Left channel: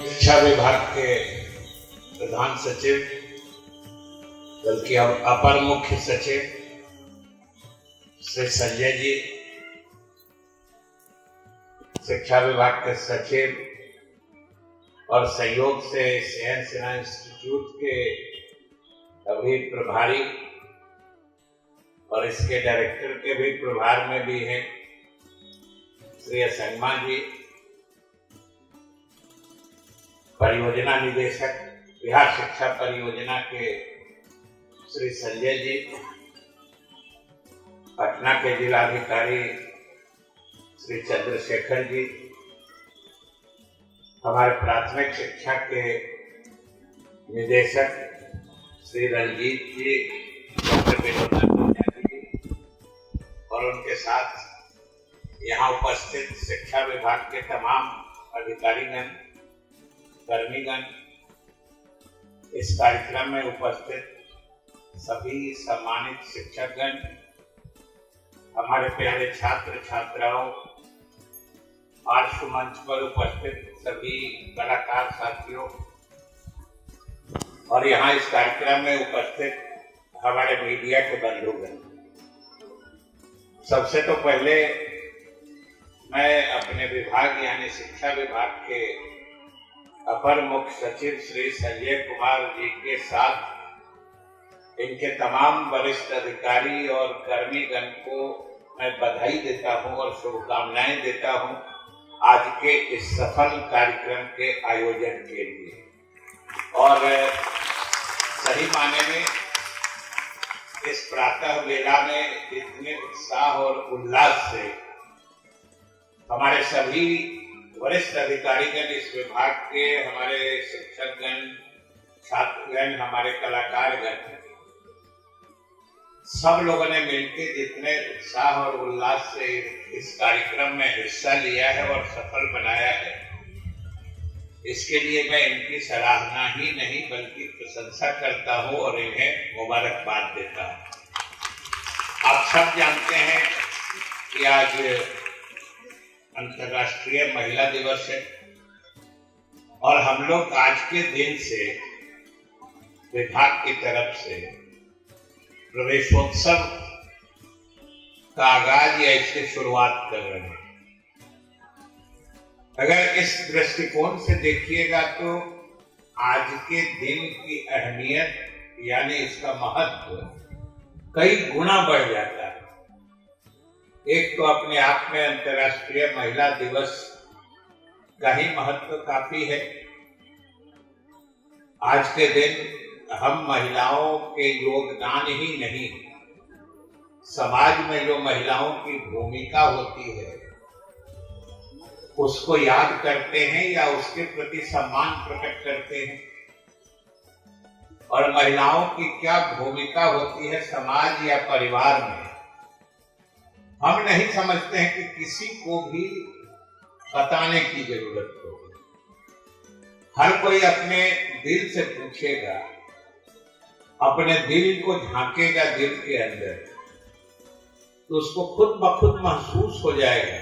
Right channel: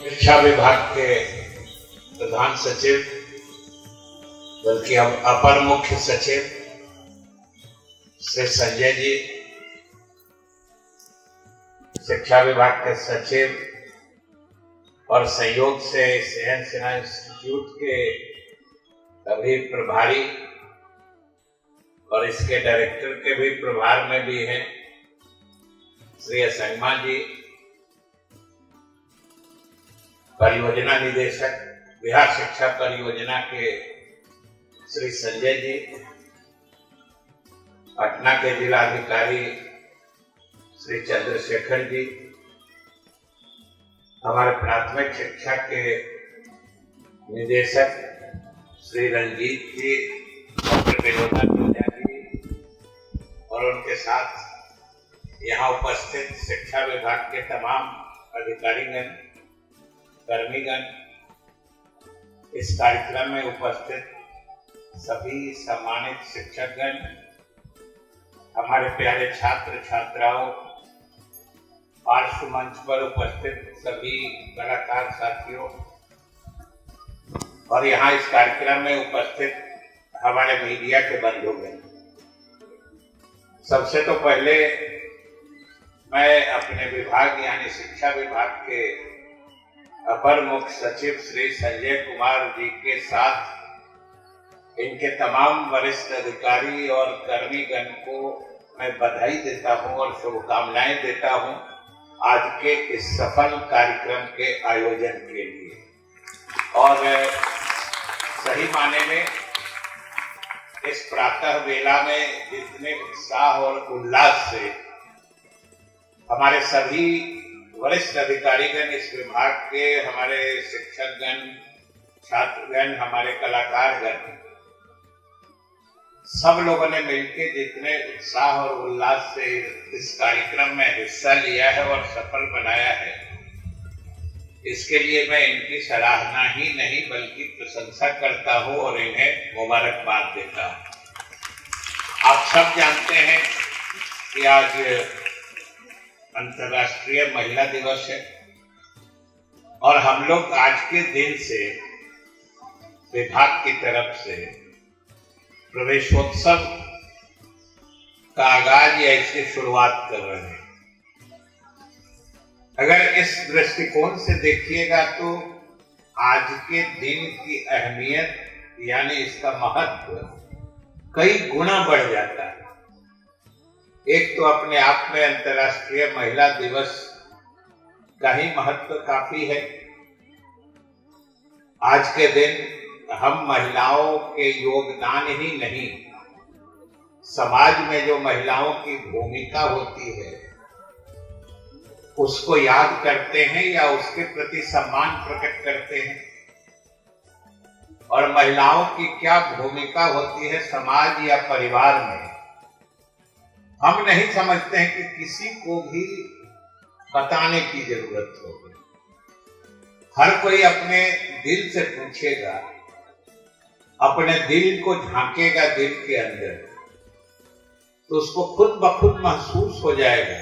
शिक्षा विभाग के प्रधान सचिव बल्कि अब अपर मुख्य सचिव श्री संजय जी, शिक्षा विभाग के सचिव और सहयोग से सहन सिन्हा इंस्टीट्यूट के सभी प्रभारी और इसके डायरेक्टर के भी प्रभार में भी हैं श्री असंगमा जी, परियोजना निदेशक बिहार शिक्षा परियोजना के श्री संजय जी, पटना के जिलाधिकारी श्री चंद्रशेखर जी, हमारे प्राथमिक शिक्षा के निदेशक श्री रंजीत जी, डॉक्टर विनोदा जी और उनके साथ यहाँ उपस्थित शिक्षा विभाग के तमाम अधिकारीगण, कर्मीगण, इस कार्यक्रम में उपस्थित सभी सम्मानित शिक्षकगण, हमारे प्यारे छात्र छात्राओं, पार्श्व मंच पर उपस्थित सभी कलाकार साथियों और यहाँ इस कार्यक्रम में उपस्थित हमारे मीडिया के बंधुगण, सबसे तो पहले मैं अपने विभाग यानी शिक्षा विभाग के अपर मुख्य सचिव श्री संजय कुमार जी के साथ इनके तमाम वरिष्ठ अधिकारी और कर्मीगण को मैं बधाई देता हूं और शुभकामनाएं देता हूं आज के इस सफल कार्यक्रम के आयोजन के लिए। और सही माने में इस प्रातः वेला में इतने उत्साह और उल्लास से हमारे सभी वरिष्ठ अधिकारीगण, इस विभाग के हमारे शिक्षकगण, छात्रगण, हमारे कलाकारगण, सब लोगों ने मिलकर जितने उत्साह और उल्लास से इस कार्यक्रम में हिस्सा लिया है और सफल बनाया है, इसके लिए मैं इनकी सराहना ही नहीं बल्कि प्रशंसा करता हूं और इन्हें मुबारकबाद देता हूं। आप सब जानते हैं कि आज अंतर्राष्ट्रीय महिला दिवस है और हम लोग आज के दिन से विभाग की तरफ से प्रवेशोत्सव का आगाज या इसकी शुरुआत कर रहे हैं। अगर इस दृष्टिकोण से देखिएगा तो आज के दिन की अहमियत यानी इसका महत्व कई गुना बढ़ जाता है। एक तो अपने आप में अंतर्राष्ट्रीय महिला दिवस का ही महत्व काफी है। आज के दिन हम महिलाओं के योगदान ही नहीं, समाज में जो महिलाओं की भूमिका होती है उसको याद करते हैं या उसके प्रति सम्मान प्रकट करते हैं। और महिलाओं की क्या भूमिका होती है समाज या परिवार में, हम नहीं समझते हैं कि किसी को भी बताने की जरूरत होगी। हर कोई अपने दिल से पूछेगा, अपने दिल को झांकेगा दिल के अंदर, तो उसको खुद ब खुद महसूस हो जाएगा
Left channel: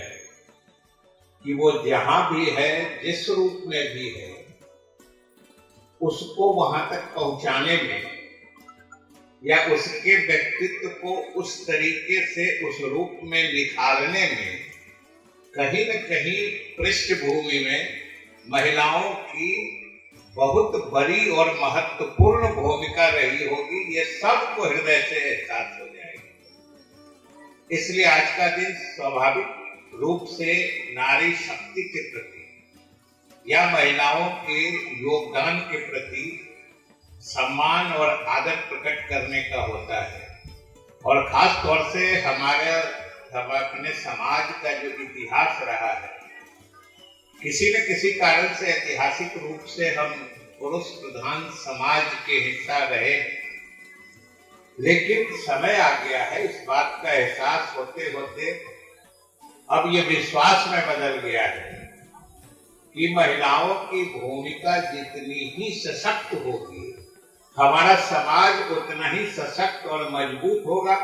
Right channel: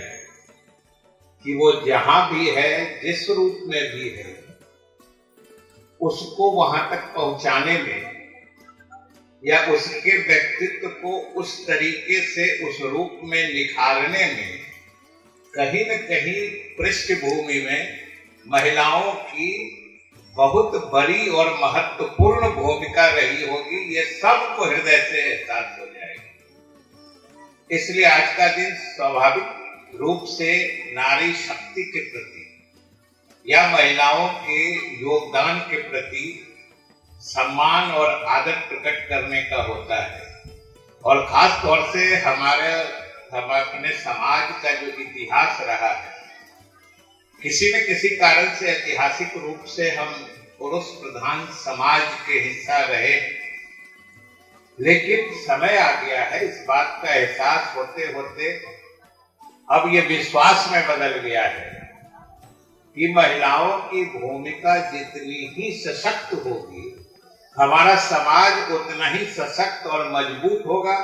कि वो जहां भी है, जिस रूप में भी है, उसको वहां तक पहुंचाने में या उसके व्यक्तित्व को उस तरीके से उस रूप में निखारने में कहीं न कहीं पृष्ठभूमि में महिलाओं की बहुत बड़ी और महत्वपूर्ण भूमिका रही होगी। ये सबको हृदय से एहसास हो जाएगा। इसलिए आज का दिन स्वाभाविक रूप से नारी शक्ति के प्रति या महिलाओं के योगदान के प्रति सम्मान और आदर प्रकट करने का होता है। और खास तौर से हम अपने समाज का जो इतिहास रहा है, किसी न किसी कारण से ऐतिहासिक रूप से हम पुरुष प्रधान समाज के हिस्सा रहे, लेकिन समय आ गया है, इस बात का एहसास होते होते अब ये विश्वास में बदल गया है कि महिलाओं की भूमिका जितनी ही सशक्त होगी, हमारा समाज उतना ही सशक्त और मजबूत होगा।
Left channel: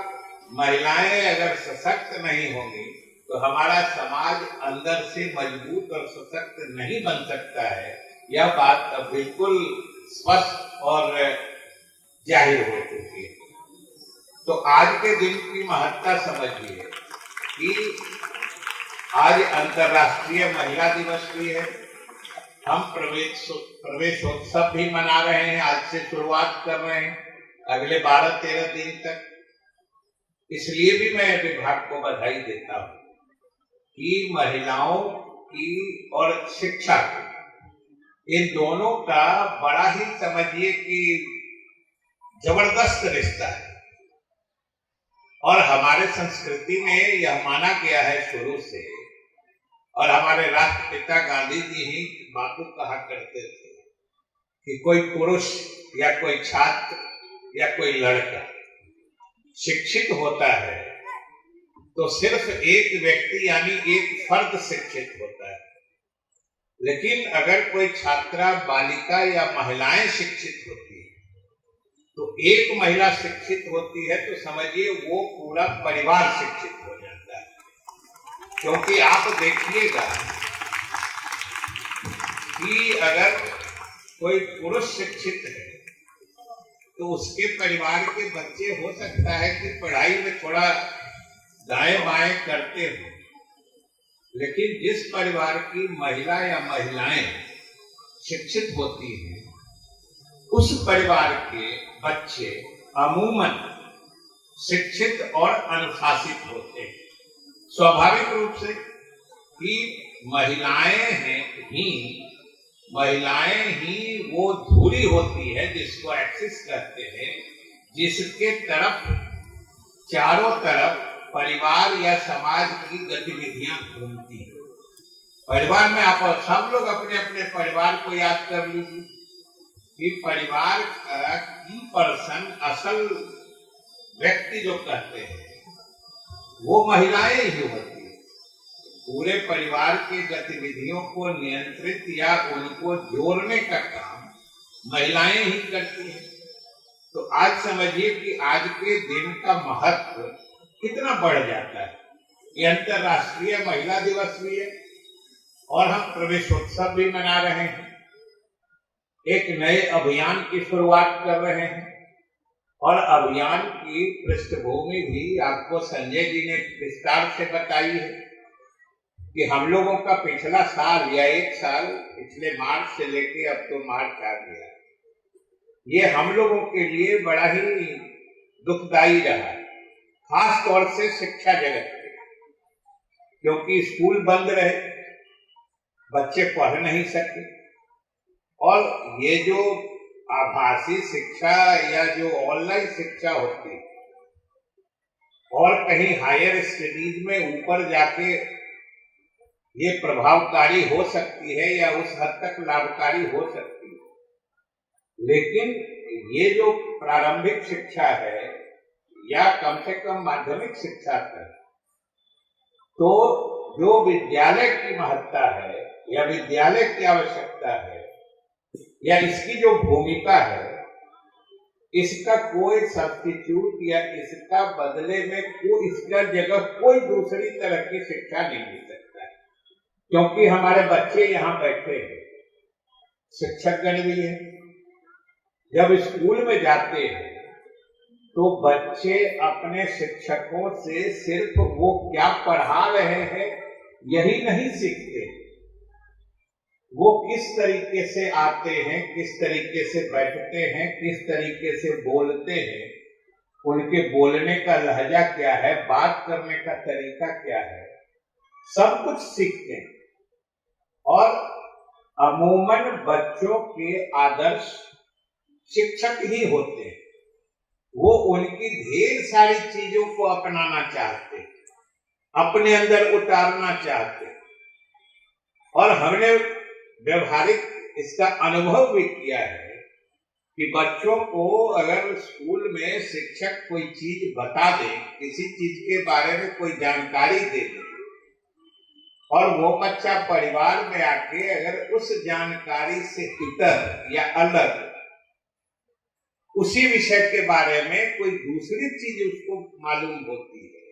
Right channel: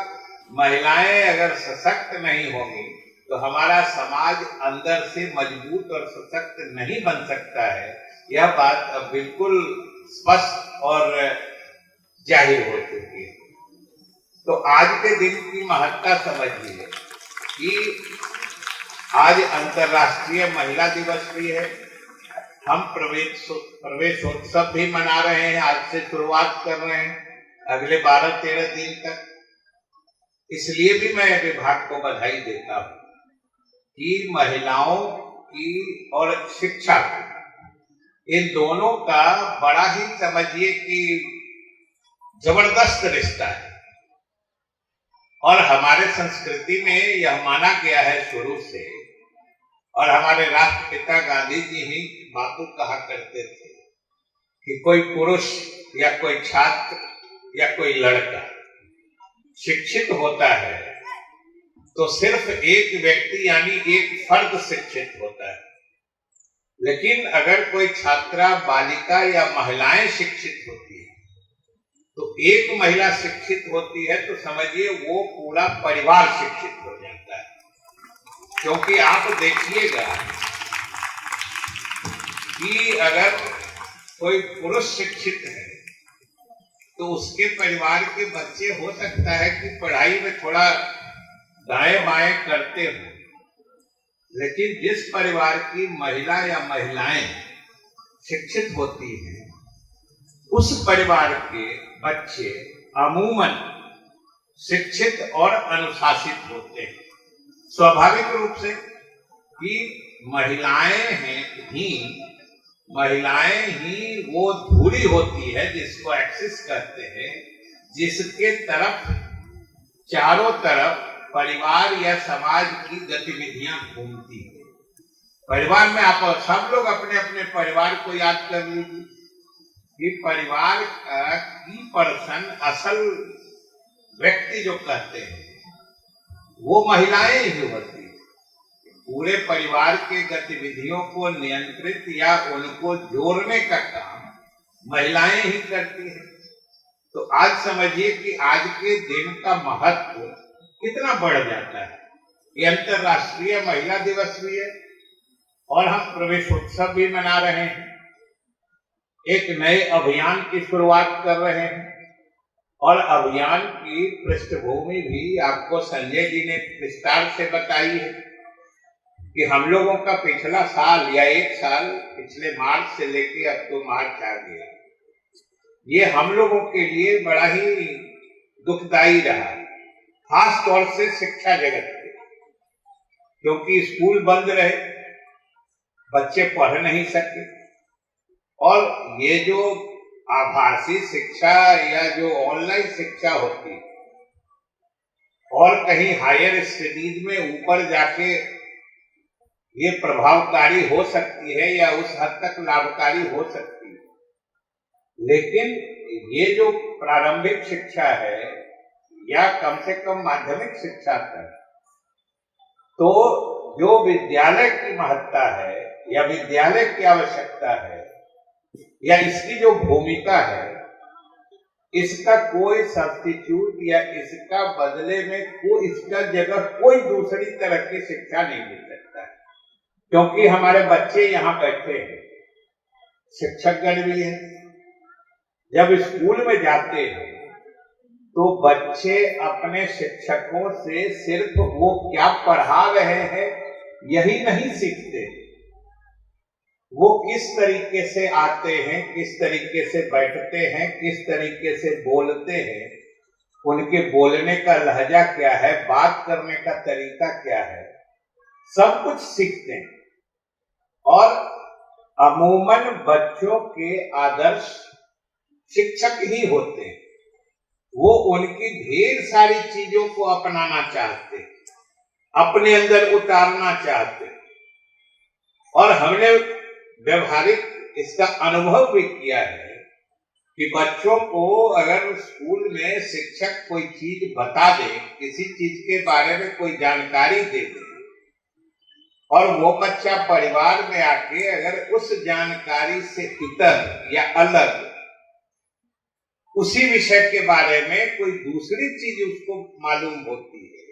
महिलाएं अगर सशक्त नहीं होंगी तो हमारा समाज अंदर से मजबूत और सशक्त नहीं बन सकता है। यह बात अब बिल्कुल स्पष्ट और जाहिर हो चुकी है। तो आज के दिन की महत्ता समझिए कि आज अंतर्राष्ट्रीय महिला दिवस भी है। हम प्रवेशोत्सव भी मना रहे हैं, आज से शुरुआत कर रहे हैं अगले 12-13 दिन तक। इसलिए भी मैं विभाग को बधाई देता हूं कि महिलाओं की और शिक्षा की, इन दोनों का बड़ा ही समझिए कि जबरदस्त रिश्ता है। और हमारे संस्कृति में यह माना गया है शुरू से, और हमारे राष्ट्रपिता गांधी जी ही बातों कहा करते थे कि कोई पुरुष या कोई छात्र या कोई लड़का शिक्षित होता है तो सिर्फ एक व्यक्ति यानी एक फर्द शिक्षित होता है। लेकिन अगर कोई छात्रा, बालिका या महिलाएं शिक्षित होती है, तो एक महिला शिक्षित होती है तो समझिए वो पूरा परिवार शिक्षित हो जाता है। क्योंकि आप देखिएगा कि अगर कोई पुरुष शिक्षित है तो उसके परिवार के बच्चे हो सकता है कि पढ़ाई में थोड़ा दाएं बाएं करते हो, लेकिन जिस परिवार की महिला या महिलाएं शिक्षित होती हैं उस परिवार के बच्चे अमूमन शिक्षित और अनुशासित होते हैं। स्वाभाविक रूप से कि महिलाएं ही वो धुरी होती है जिसको एक्सिस कहते हैं, जिसके तरफ चारों तरफ परिवार या समाज की गतिविधियां घूमती है। परिवार में आप सब लोग अपने अपने परिवार को याद कर लीजिए कि परिवार का की पर्सन, असल व्यक्ति जो कहते हैं वो महिलाएं ही होती है। पूरे परिवार के गतिविधियों को नियंत्रित या उनको जोड़ने का काम महिलाएं ही करती हैं। तो आज समझिए कि आज के दिन का महत्व कितना बढ़ जाता है। ये अंतर्राष्ट्रीय महिला दिवस भी है और हम प्रवेशोत्सव भी मना रहे हैं, एक नए अभियान की शुरुआत कर रहे हैं। और अभियान की पृष्ठभूमि भी आपको संजय जी ने विस्तार से बताई है कि हम लोगों का पिछला साल या एक साल, पिछले मार्च से लेके अब तो मार्च आ गया, ये हम लोगों के लिए बड़ा ही दुखदाई रहा, खास तौर से शिक्षा जगत के, क्योंकि स्कूल बंद रहे, बच्चे पढ़ नहीं सके। और ये जो आभासी शिक्षा या जो ऑनलाइन शिक्षा होती है और कहीं हायर स्टडीज में ऊपर जाके ये प्रभावकारी हो सकती है या उस हद तक लाभकारी हो सकती है, लेकिन ये जो प्रारंभिक शिक्षा है या कम से कम माध्यमिक शिक्षा है, तो जो विद्यालय की महत्ता है या विद्यालय की आवश्यकता है या इसकी जो भूमिका है, इसका कोई सब्स्टिट्यूट या इसका बदले में कोई, इसका जगह कोई दूसरी तरह की शिक्षा नहीं मिल सकता है। क्योंकि हमारे बच्चे यहाँ बैठे हैं, शिक्षकगण भी हैं, जब स्कूल में जाते हैं तो बच्चे अपने शिक्षकों से सिर्फ वो क्या पढ़ा रहे हैं यही नहीं सीखते, वो किस तरीके से आते हैं, किस तरीके से बैठते हैं, किस तरीके से बोलते हैं, उनके बोलने का लहजा क्या है, बात करने का तरीका क्या है, सब कुछ सीखते हैं। और अमूमन बच्चों के आदर्श शिक्षक ही होते हैं। वो उनकी ढेर सारी चीजों को अपनाना चाहते, अपने अंदर उतारना चाहते। और हमने व्यवहारिक इसका अनुभव भी किया है कि बच्चों को अगर स्कूल में शिक्षक कोई चीज बता दे, किसी चीज के बारे में कोई जानकारी दे दे, और वो बच्चा परिवार में आके अगर उस जानकारी से इतर या अलग उसी विषय के बारे में कोई दूसरी चीज उसको मालूम होती है,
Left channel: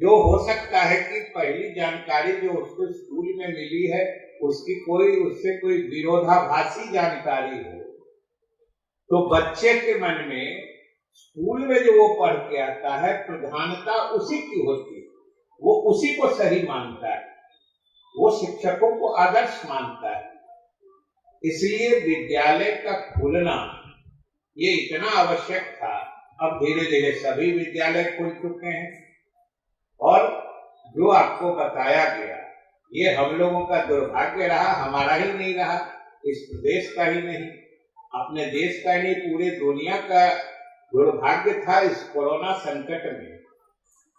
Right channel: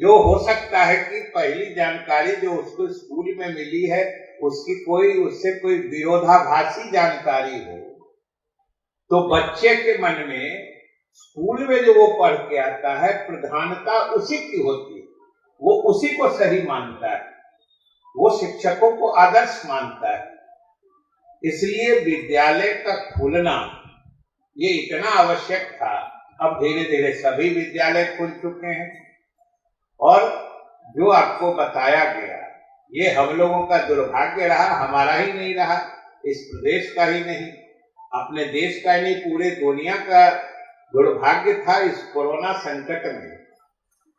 जो हो सकता है कि पहली जानकारी जो उसको स्कूल में मिली है उसकी उससे कोई विरोधाभासी जानकारी हो, तो बच्चे के मन में स्कूल में जो वो पढ़ के आता है प्रधानता उसी की होती है, वो उसी को सही मानता है, वो शिक्षकों को आदर्श मानता है। इसलिए विद्यालय का खुलना ये इतना आवश्यक था। अब धीरे धीरे सभी विद्यालय खुल चुके हैं और जो आपको बताया गया ये हम लोगों का दुर्भाग्य रहा, हमारा ही नहीं रहा, इस प्रदेश का ही नहीं, अपने देश का ही नहीं, पूरे दुनिया का दुर्भाग्य था। इस कोरोना संकट में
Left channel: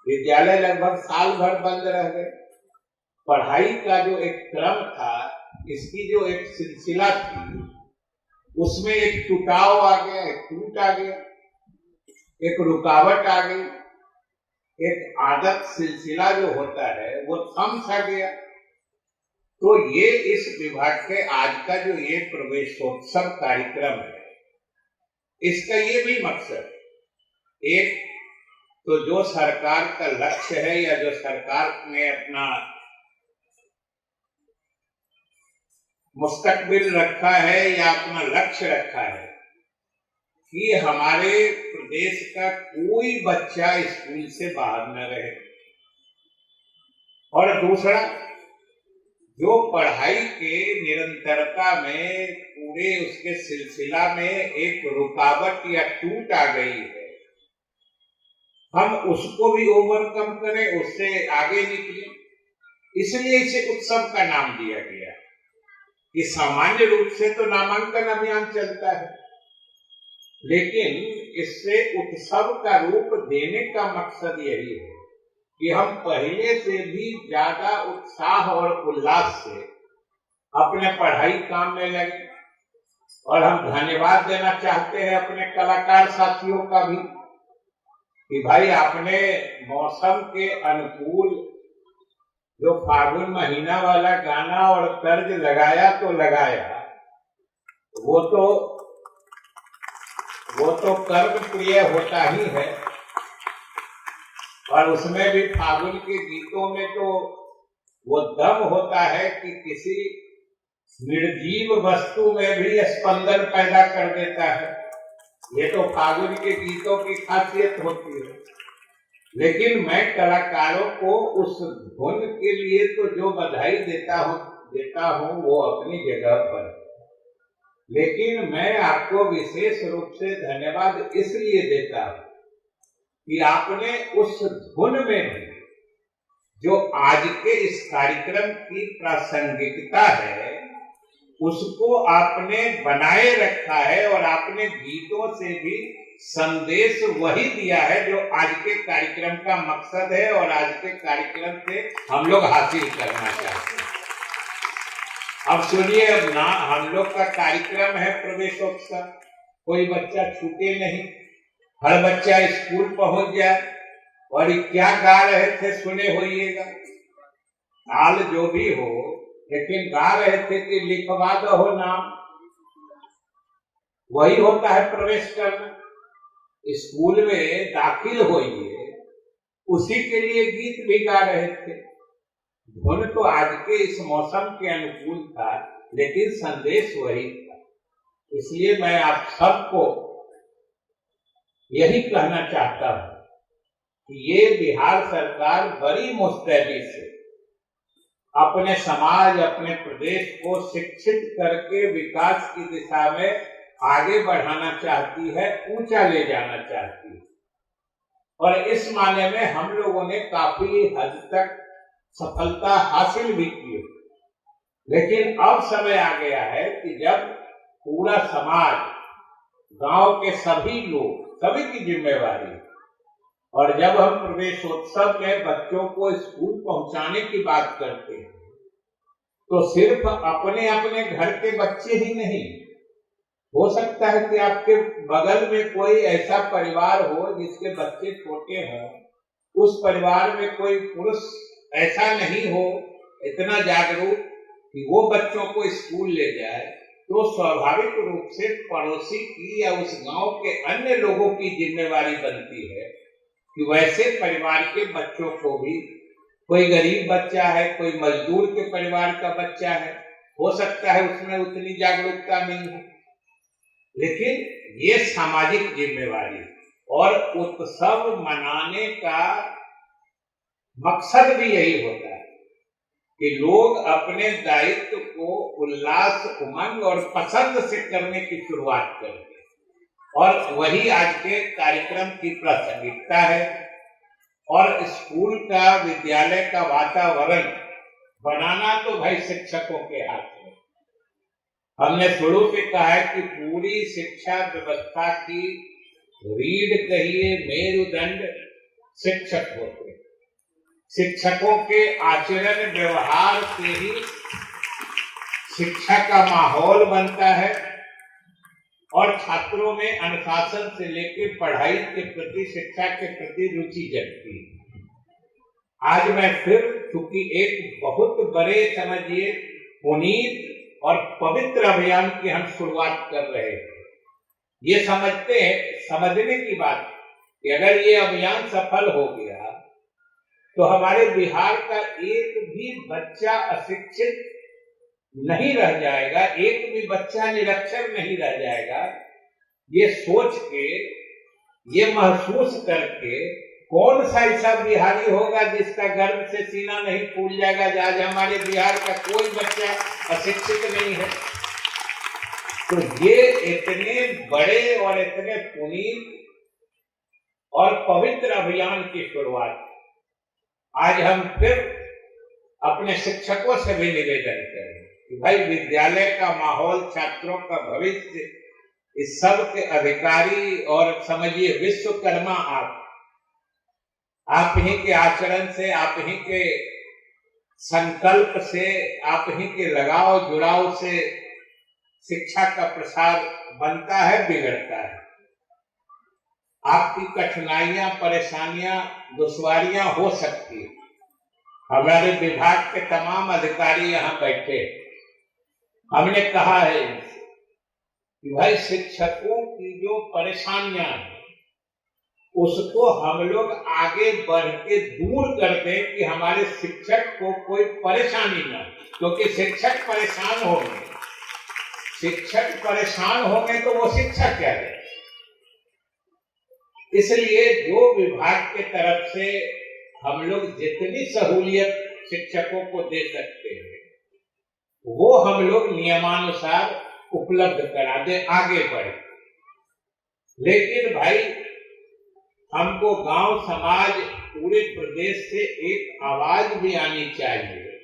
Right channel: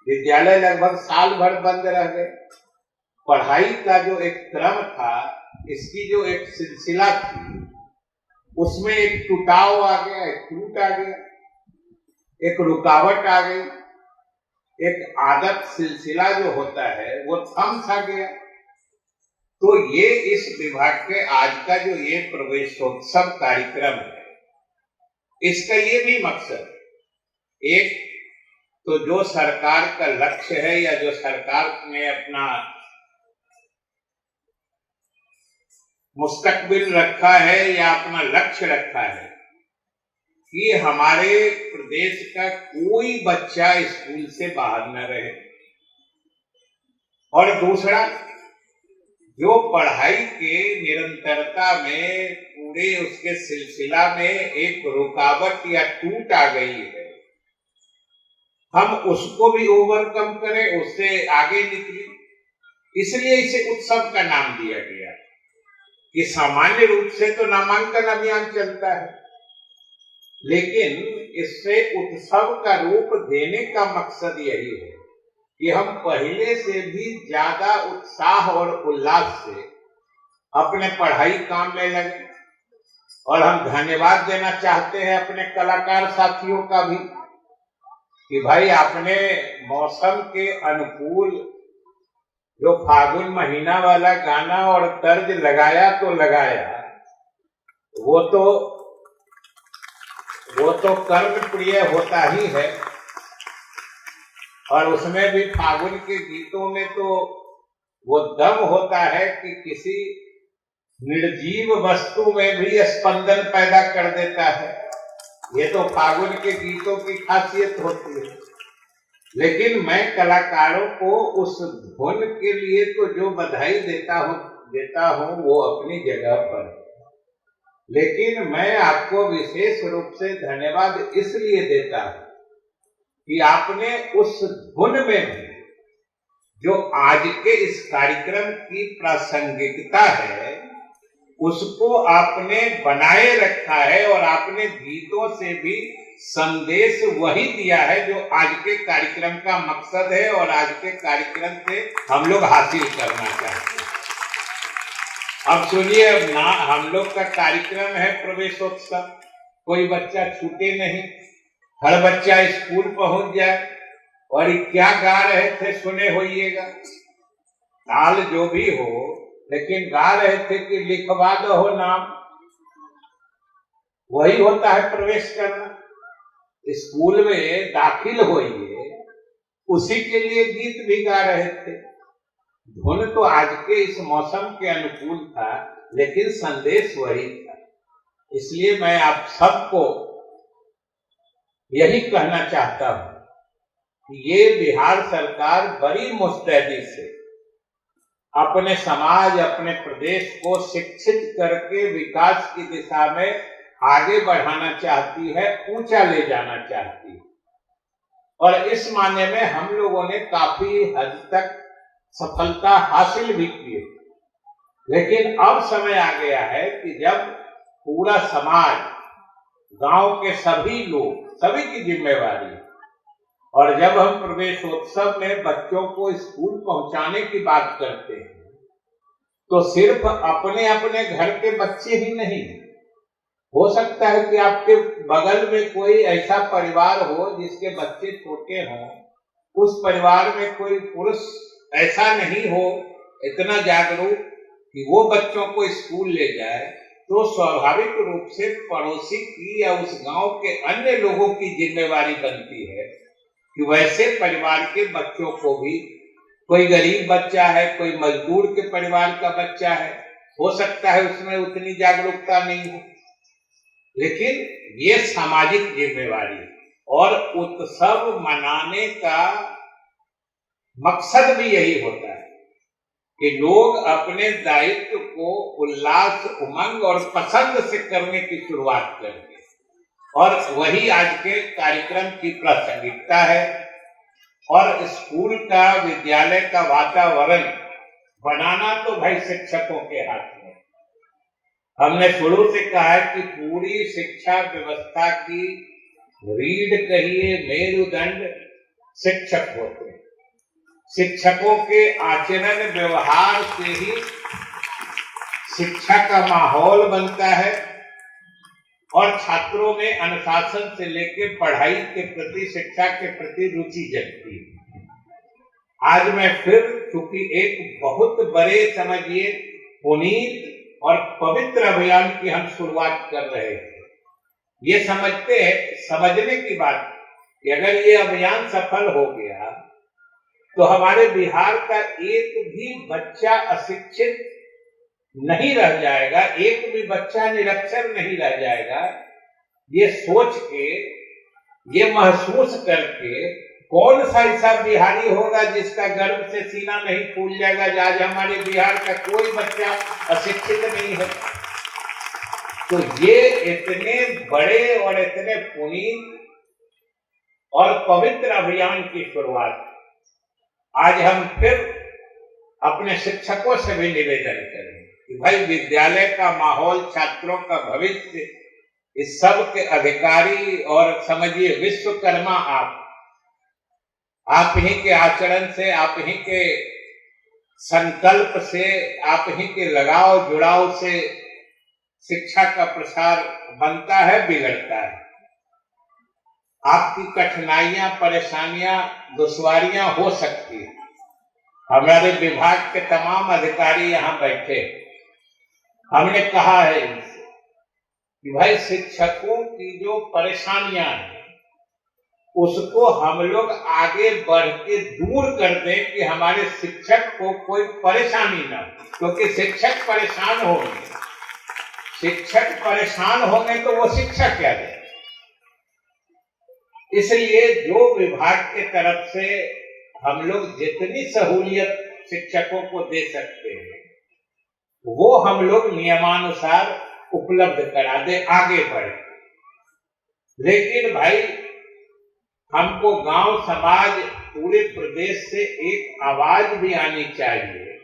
विद्यालय लगभग साल भर बंद रह गए। पढ़ाई का जो एक क्रम था, इसकी जो एक सिलसिला थी, उसमें एक टूटाव आ गया, एक टूट आ गया, एक रुकावट आ गई, एक आदत सिलसिला जो होता है वो थम सा गया। तो ये इस विभाग के आज का जो ये प्रवेशोत्सव कार्यक्रम है, इसका ये भी मकसद, एक तो जो सरकार का लक्ष्य है या जो सरकार ने अपना मुस्तकबिल रखा है या अपना लक्ष्य रखा है कि हमारे प्रदेश का कोई बच्चा स्कूल से बाहर न रहे, और दूसरा जो पढ़ाई के निरंतरता में पूरे उसके सिलसिला में एक रुकावट या टूट आ गई है, हम उसको भी ओवरकम करें, उससे आगे निकलें। इसलिए इसे उत्सव का नाम दिया गया कि सामान्य रूप से तो नामांकन अभियान चलता है, लेकिन इससे उत्सव का रूप देने का मकसद यही है कि हम पहले से भी ज्यादा उत्साह और उल्लास से अपने पढ़ाई काम में लगे। और हम धन्यवाद देना चाहते हैं अपने कलाकार साथियों का भी कि भाई आपने मौसम के अनुकूल जो फागुन महीना वाला गाना और तर्ज लगाया तो लगाया, वो तो कर्म प्रिय होता ही है। और उसमें भी फागुन के गीतों में तो वो दम होता है कि किसी निर्जीव वस्तु में भी स्पंदन पैदा कर देता है। ये तो फागुन के गीतों की खासियत होती है। लेकिन मैं कलाकारों को उस धुन के लिए तो जो बधाई देता हूं वो अपनी जगह पर, लेकिन मैं आपको विशेष रूप से धन्यवाद इसलिए देता हूं कि आपने उस धुन में भी जो आज के इस कार्यक्रम की प्रासंगिकता है उसको आपने बनाए रखा है, और आपने गीतों से भी संदेश वही दिया है जो आज के कार्यक्रम का मकसद है और आज के कार्यक्रम से हम लोग हासिल करना चाहते हैं। अब सुनिए, हम लोग का कार्यक्रम है प्रवेशोत्सव, कोई बच्चा छूटे नहीं, हर बच्चा स्कूल पहुंच जाए। और क्या गा रहे थे सुने होइएगा, ताल जो भी हो, लेकिन गा रहे थे कि लिखवा दो नाम। वही होता है प्रवेश करना। स्कूल में दाखिल होइए, उसी के लिए गीत भी गा रहे थे। धुन तो आज के इस मौसम के अनुकूल था, लेकिन संदेश वही था। इसलिए मैं आप सबको यही कहना चाहता हूं कि ये बिहार सरकार बड़ी मुस्तैदी से अपने समाज, अपने प्रदेश को शिक्षित करके विकास की दिशा में आगे बढ़ाना चाहती है, ऊंचा ले जाना चाहती है। और इस मायने में हम लोगों ने काफी हद तक सफलता हासिल भी की। लेकिन अब समय आ गया है कि जब पूरा समाज, गांव के सभी लोग, सभी की जिम्मेवारी, और जब हम प्रवेशोत्सव में बच्चों को स्कूल पहुंचाने की बात करते हैं तो सिर्फ अपने अपने घर के बच्चे ही नहीं, हो सकता है कि आपके बगल में कोई ऐसा परिवार हो जिसके बच्चे छोटे हों, उस परिवार में कोई पुरुष ऐसा नहीं हो इतना जागरूक कि वो बच्चों को स्कूल ले जाए, तो स्वाभाविक रूप से पड़ोसी की या उस गांव के अन्य लोगों की जिम्मेवारी बनती है कि वैसे परिवार के बच्चों को भी, कोई गरीब बच्चा है, कोई मजदूर के परिवार का बच्चा है, हो सकता है उसमें उतनी जागरूकता नहीं हो, लेकिन ये सामाजिक जिम्मेवारी और उत्सव मनाने का मकसद भी यही होता है कि लोग अपने दायित्व को उल्लास, उमंग और पसंद से करने की शुरुआत करें, और वही आज के कार्यक्रम की प्रासंगिकता है। और स्कूल का, विद्यालय का वातावरण बनाना तो भाई शिक्षकों के हाथ में। हमने शुरू से कहा है कि पूरी शिक्षा व्यवस्था की रीढ़ कहिए, मेरुदंड शिक्षक होते हैं। शिक्षकों के आचरण व्यवहार से ही शिक्षा का माहौल बनता है और छात्रों में अनुशासन से लेकर पढ़ाई के प्रति, शिक्षा के प्रति रुचि जगती है। आज मैं फिर, चूंकि एक बहुत बड़े, समझिए, पुनीत और पवित्र अभियान की हम शुरुआत कर रहे हैं, ये समझने की बात कि अगर ये अभियान सफल हो गया तो हमारे बिहार का एक भी बच्चा अशिक्षित नहीं रह जाएगा, एक भी बच्चा निरक्षर नहीं रह जाएगा। ये सोच के, ये महसूस करके, कौन सा ऐसा बिहारी होगा जिसका गर्व से सीना नहीं फूल जाएगा आज हमारे बिहार का कोई बच्चा अशिक्षित नहीं है। तो ये इतने बड़े और इतने पुनीत और पवित्र अभियान की शुरुआत आज हम फिर अपने शिक्षकों से भी निवेदन करें कि भाई विद्यालय का माहौल, छात्रों का भविष्य, इस सब के अधिकारी और समझिए विश्वकर्मा आप ही के आचरण से, आप ही के संकल्प से, आप ही के लगाव जुड़ाव से शिक्षा का प्रसार बनता है, बिगड़ता है। आपकी कठिनाइयां, परेशानियां, दुश्वारियां हो सकती है। हमारे विभाग के तमाम अधिकारी यहाँ बैठे, हमने कहा है इनसे कि भाई शिक्षकों की जो परेशानियां हैं उसको हम लोग आगे बढ़ के दूर कर दें कि हमारे शिक्षक को कोई परेशानी ना हो, क्योंकि शिक्षक परेशान होंगे तो वो शिक्षा क्या दे। इसलिए जो विभाग के तरफ से हम लोग जितनी सहूलियत शिक्षकों को दे सकते हैं वो हम लोग नियमानुसार उपलब्ध करा दे, आगे बढ़े। लेकिन भाई हमको गांव समाज, पूरे प्रदेश से एक आवाज भी आनी चाहिए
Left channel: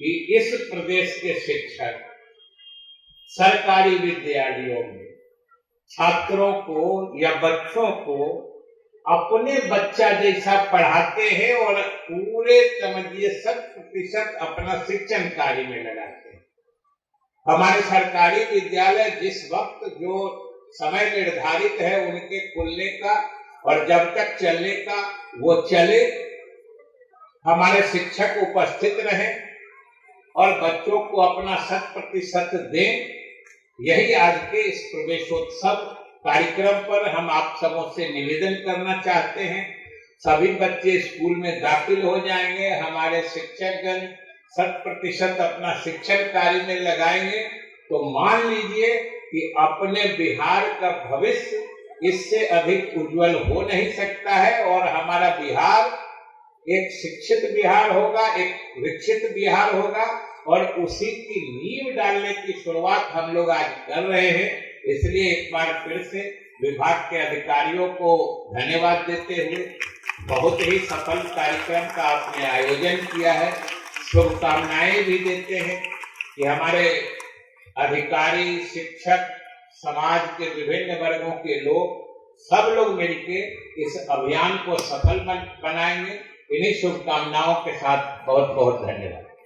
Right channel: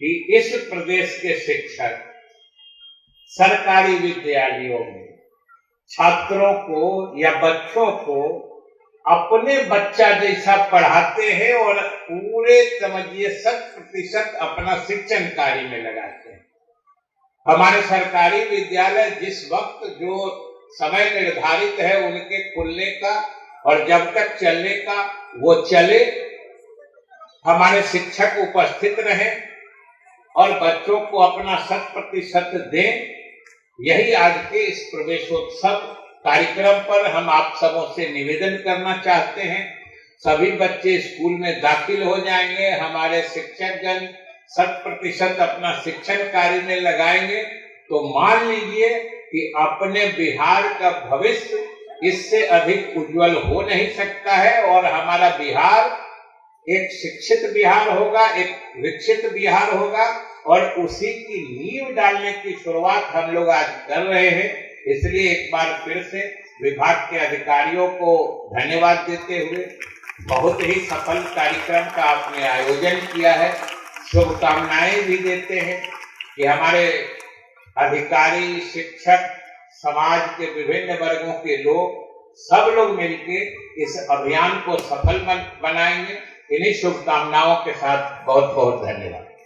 कि इस प्रदेश के शिक्षक सरकारी विद्यालयों में छात्रों को या बच्चों को अपने बच्चा जैसा पढ़ाते हैं और पूरे समझिए 100% अपना शिक्षण कार्य में लगाते हैं। हमारे सरकारी विद्यालय जिस वक्त जो समय निर्धारित है उनके खुलने का और जब तक चलने का वो चले, हमारे शिक्षक उपस्थित रहें और बच्चों को अपना 100% दें। यही आज के इस प्रवेशोत्सव कार्यक्रम पर हम आप सबों से निवेदन करना चाहते हैं। सभी बच्चे स्कूल में दाखिल हो जाएंगे, हमारे शिक्षकगण 100% अपना शिक्षण कार्य में लगाएंगे, तो मान लीजिए कि अपने बिहार का भविष्य इससे अधिक उज्जवल हो नहीं सकता है और हमारा बिहार एक शिक्षित बिहार होगा, एक विकसित बिहार होगा और उसी की नींव डालने की शुरुआत हम लोग आज कर रहे हैं। इसलिए एक बार फिर से विभाग के अधिकारियों को धन्यवाद देते हुए बहुत ही सफल कार्यक्रम का आपने आयोजन किया है, शुभकामनाएं भी देते हैं कि हमारे अधिकारी, शिक्षक, समाज के विभिन्न वर्गों के लोग, सब लोग मिलकर इस अभियान को सफल बनाएंगे। इन्हीं शुभकामनाओं के साथ बहुत बहुत धन्यवाद।